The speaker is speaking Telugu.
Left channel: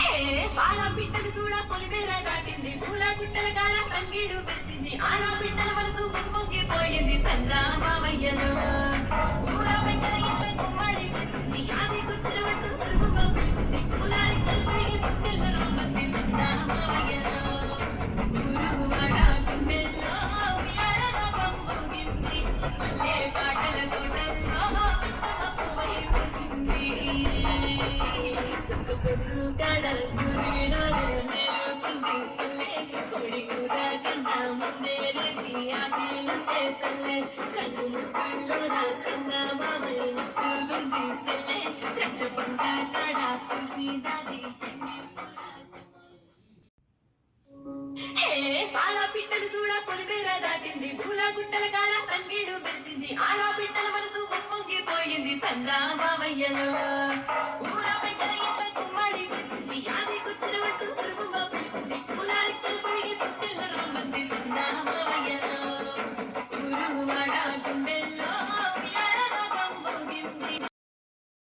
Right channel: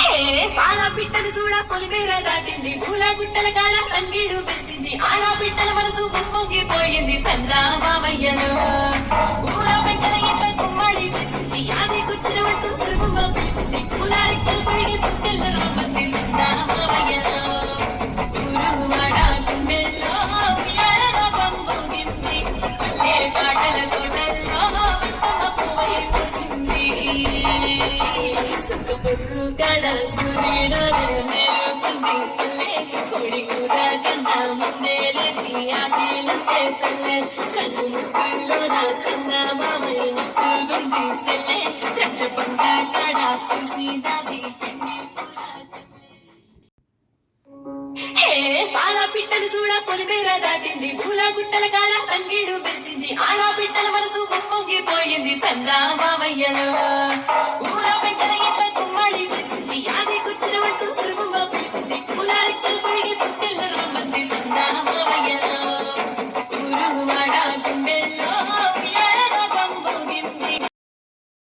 హే పాల పిట్టలు చూడ పొలిమేర దాటింది పూల గుట్టల కాడ తంగీడు పెరిసింది ఆడ పిట్టల మనసు పొంగిపోయింది సందా మామయ్యలో ఊర పెంకల ఇట్ల గుమ్మడి పెరిసింది యాది కూర్చున్న వట్టు సులువుగా పిలిసింది పూల రెక్కలు తొడిగి పుట్టెల్ల రమ్మంది సందా మామయ్యలో ఊరు వాడ గుండెల్లో ఉయ్యాల రాగం పొంగింది పల్లె పాటల తోటల్లో విత్తమ్మ పువ్వై పూసింది సుఖపొద్దు కడ సూర్యుడు మేలుకుంది పల్లె కోడి కూర కన్నా ముందే లేసి ఆకిలుంటే పల్లె కన్ను ముక్కుల్లో నా సన్న మామయ్య ముక్కుగుంది సెల్లె రచ్చ పంట కడ పూసి దాది కన్ని హే పాల పిట్టలు చూడ పొలిమేర దాటింది పూల గుట్టల కాడ తంగీడు పెరిసింది ఆడ పిట్టల మనసు పొంగిపోయింది సందా మామయ్యలో ఊర పెంకల ఇట్ల